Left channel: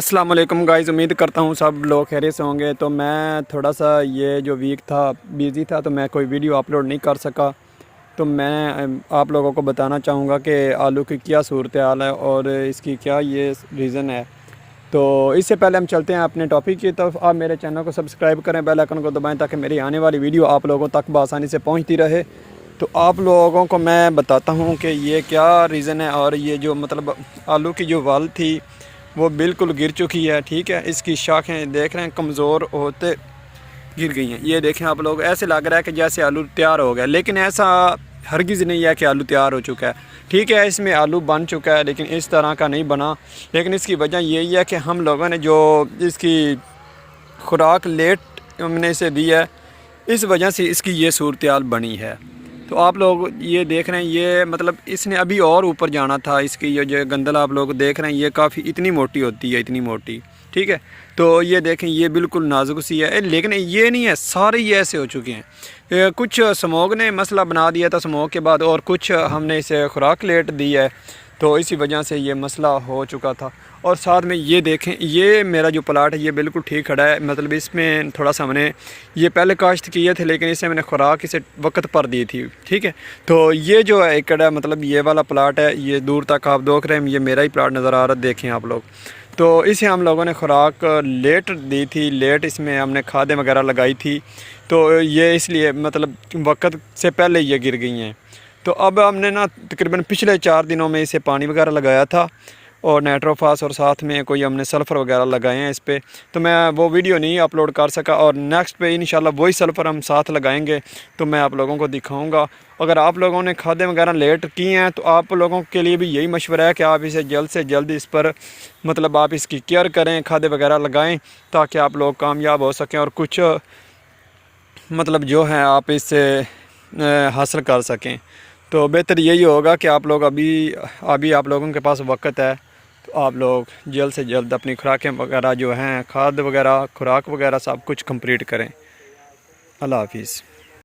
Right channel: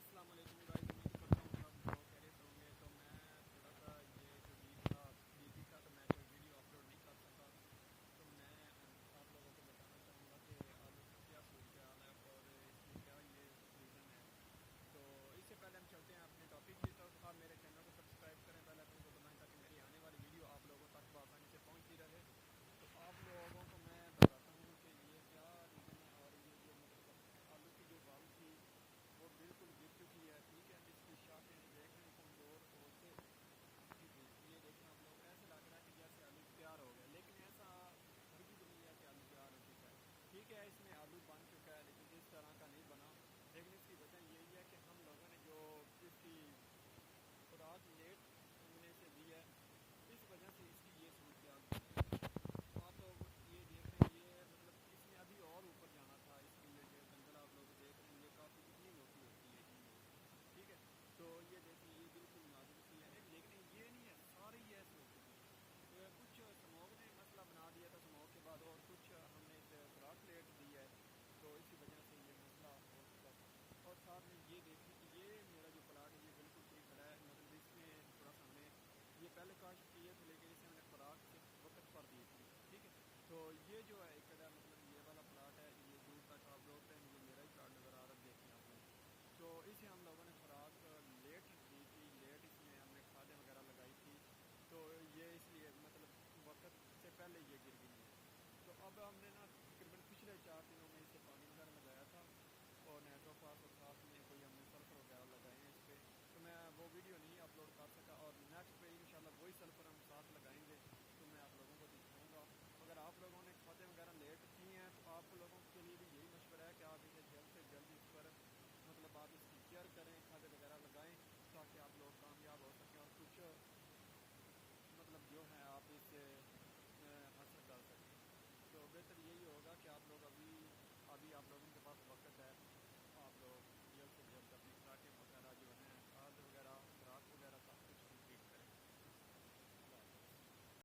السلام علیکم گائز، امید کرتا ہوں سب لوگ خیریت سے ہوں گے۔ تو میں تھوڑا سا یہ جو ویک تھا بیزی تھا، تو میں کوئی ویڈیو اپلوڈ نہیں کر سکا۔ تو میں آپ لوگوں کو بتانا چاہوں گا کہ آلو کی کیا صورتحال ہے اور اس کی کیا یہ ریزن ہے۔ تو اس سے پہلے ہم چلتے ہیں اپنے ٹاپک کی طرف۔ آپ میرے چینل کو سبسکرائب کریں، بیل آئیکن کو دبائیں تاکہ میری آنے والی ویڈیو آپ لوگوں تک بآسانی سے پہنچتی رہے۔ تو آپ لوگوں کو میں بتاتا ہوں کہ یہ کیا ریزن ہے۔ اور یہ جو مطلب آلو کی جو وال تھی وہ بالکل گر چکی ہے، ٹھیک ہے۔ اس کی شاخیں دیکھ رہے ہیں کمزور ہوتے گر گئی ہیں۔ یہ دیکھیں آپ لوگ، ایسے لگ رہا ہے کہ جیسے آلو تیار ہو گیا، لیکن ایسا ہرگز نہیں ہے کہ آلو تیار ہو چکا ہے، ٹھیک ہے۔ اس میں آلو بن چکا ہے لیکن اس طرح کا نہیں بنا۔ لیکن اس کی وجہ یہی ہے کہ ہم لوگوں نے جو اس کی خوراک لیٹ ہم نے اسے دی ہے، اس وجہ سے اس کی یہ صورتحال بنی ہے۔ تو آپ لوگ یہ دیکھ رہے ہیں، یہ مطلب اس نے ابھی اور اوپر جانا تھا۔ اس کی یہ جو گندل آپ لوگ دیکھ رہے ہیں، یہ کافی اتنی موٹی ہوتی ہے، اتنی موٹی، ٹھیک ہے۔ تو یہ دیکھیں، یہ بالکل نازک سی ہے، لیکن یہ نہیں ہے، سارے یہ ایسے ہو چکے ہیں۔ کچھ سموگ نے مسئلہ بنا دیا تھا سموگ کے بعد، اور کچھ ہم نے اسے خوراک لیٹ دی ہے، تو اسی وجہ سے یہ مسئلہ ہو چکا تھا۔ اور ساتھ میں یہ دیکھیں، یہ میرا جو پلاٹ ہے یہ بالکل ٹھیک کھڑا ہے۔ مطلب اس میں تھوڑا سا ہم نے یہ پہلے کاشت کیے تھے، لیکن اسے میں نے خوراک اسے وقت پر دی تھی، ٹھیک ہے۔ تو یہ جو ایکڑ ہے، مطلب یہ والا پلاٹ ہے، یہ دور تک آپ دیکھ رہے ہیں، یہ میرا ہی پلاٹ نظر آ رہا ہے، دیکھیں آپ لوگ۔ تو اسے ہم لوگوں نے خوراک لیٹ دی تھی، لیٹ اس میں ہم نے کھادیں وغیرہ لگائی تھی، تو یہ اس لیے مطلب وقت سے پہلے یہ گر گئی ہیں۔ تو اب ہم نے تقریباً پچھلے 4 دنوں میں اسے پانی وغیرہ لگایا تھا، اور نائٹروفاس، اور ساتھ میں کوئی ہم نے سلفر وغیرہ لگائے ہیں اس پہ۔ تو میں وہ ویڈیو نہیں اپلوڈ کر سکا، اور نیکسٹ پہ انشاءاللہ وہی سلفر ہم ساتھ لگائیں گے، تو میں آپ لوگوں کو دکھاؤں گا۔ اگر آپ لوگوں نے کھادیں وغیرہ لیٹ کی ہیں تو آپ لوگوں کے لیے بھی یہی مشورہ ہے کہ آپ اسے جلد سے جلد اس پر مطلب آپ اس کی کیئر کریں، کھادیں وغیرہ لگائیں، تاکہ آپ لوگ کامیاب ہو سکیں اور کچھ مطلب جو ہے آپ اس سے حاصل کر سکیں۔ تو بہتر یہی ہوگا کہ آپ لوگ ابھی آپ لوگوں کے پاس وقت ہے، تو آپ لوگ جلد سے جلد اپنی خوراکیں وغیرہ جو ہیں، کھاد وغیرہ، خوراک وغیرہ سب کچھ کمپلیٹ کریں۔ اللہ حافظ۔